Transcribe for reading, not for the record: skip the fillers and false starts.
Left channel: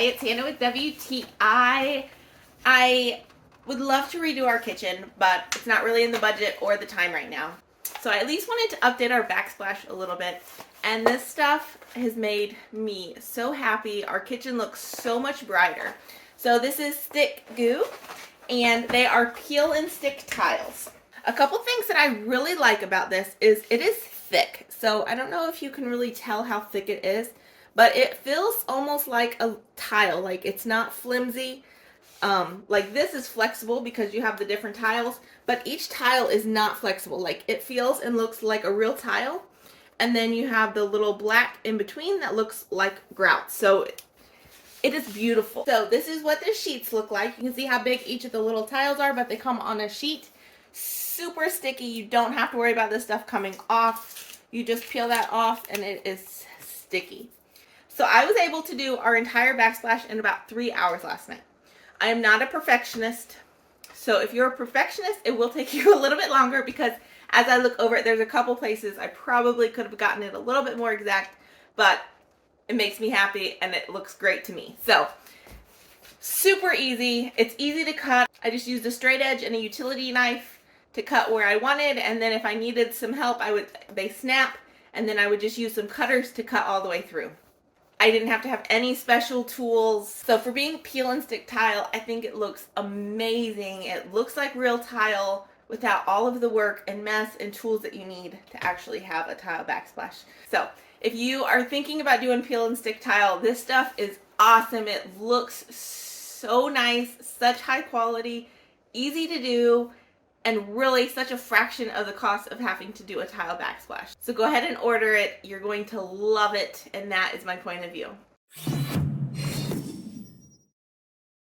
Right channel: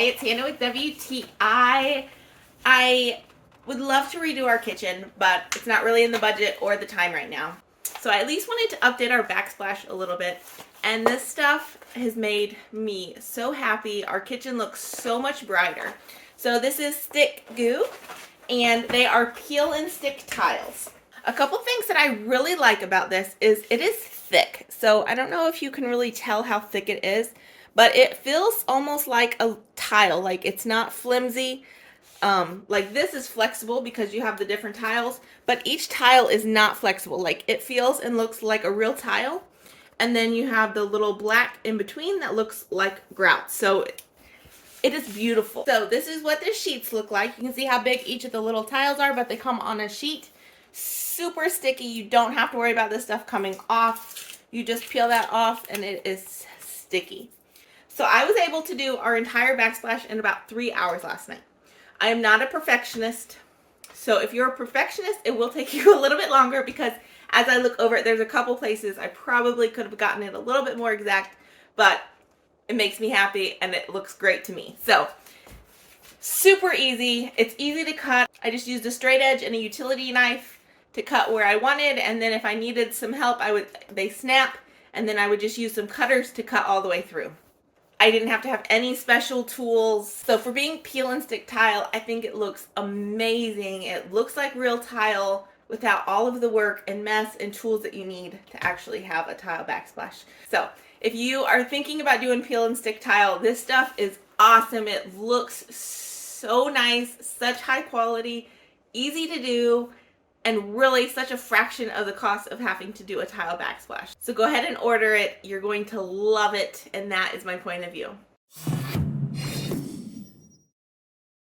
Hi, it's Hannah with WTI. I would love to redo our kitchen, but it's not really in the budget or the time right now. So I at least wanted to update our backsplash a little bit. And this stuff has made me so happy. Our kitchen looks so much brighter. So this is STICKGOO, and they are peel and stick tiles. A couple things that I really like about this is it is thick. So I don't know if you can really tell how thick it is, but it feels almost like a tile. Like it's not flimsy. Like this is flexible because you have the different tiles, but each tile is not flexible. Like it feels and looks like a real tile. And then you have the little black in between that looks like grout. So it is beautiful. So this is what the sheets look like. You can see how big each of the little tiles are, but they come on a sheet. Super sticky. You don't have to worry about this stuff coming off. You just peel that off and it is sticky. So I was able to do our entire backsplash in about 3 hours last night. I am not a perfectionist. So if you're a perfectionist, it will take you a little bit longer because as I look over it, there's a couple places I probably could have gotten it a little bit more exact, but it makes me happy and it looks great to me. So super easy. It's easy to cut. I just used a straight edge and a utility knife to cut where I wanted, and then if I needed some help, they snap, and then I would just use some cutters to cut all the way through. I didn't have to have any special tools. So for being peel and stick tile, I think it looks amazing. It looks like real tile without all of the work and mess and tools that you need to actually have a tile backsplash. So if you are thinking about doing peel and stick tile, this stuff is awesome. It looks so nice, such high quality, easy to do, and really such a fraction of the cost of having to do a tile backsplash. So go ahead and order it. You're going to love it, and that is my point of view.